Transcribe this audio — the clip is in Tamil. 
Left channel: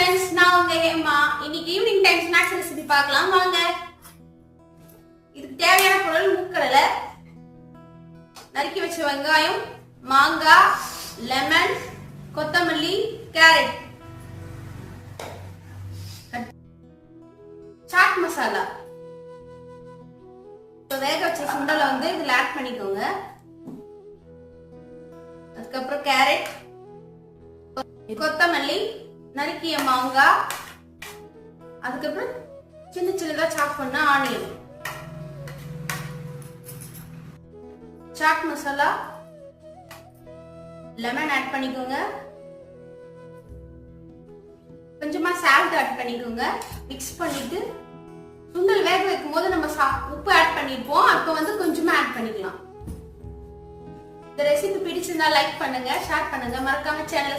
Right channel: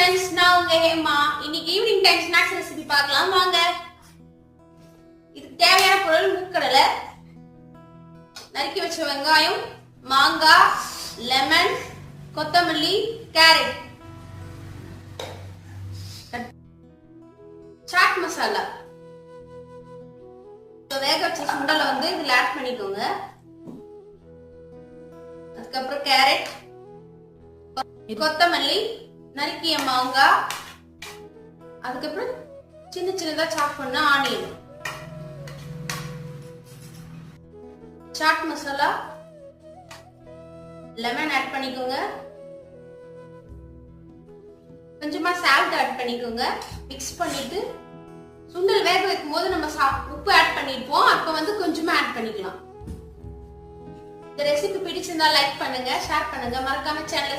फ्रेंड्स நான் உங்க ஹேமா இன்னைக்கு ஈவினிங் டைம் ஸ்நாக்ஸ் ரெசிபி பார்க்கலாம் வாங்க இதுக்கு தேவையான பொருள் மூக்கடலை நறுக்கி வச்ச வெங்காயம் மாங்காய் லெமன் கொத்தமல்லி கேரட் சாட் மசாலா வேக வச்ச சுண்டலை வந்து இதுல ஆட் பண்ணிக்கோங்க அதுக்கப்புறம் கேரட் கொத்தமல்லி நறுக்கிய மாங்காய் அதுக்கப்புறம் சின்ன சின்னதா சாப் பண்ண onion chaat masala lemon add பண்ணிக்கோங்க கொஞ்சமா சால்ட் ஆட் பண்ணிக்கோங்க மிக்ஸ் பண்ணிட்டு சுண்டல் வேக வைக்கும் போது நம்ம உப்பு ஆட் பண்ணிருப்போம் அப்ப வந்து கொஞ்சமா ஆட் பண்ணிக்கலாம் இந்த ரெசிபி பிடிச்சிருந்தா லைக் பண்ணுங்க ஷேர் பண்ணுங்க மறக்காம சேனலை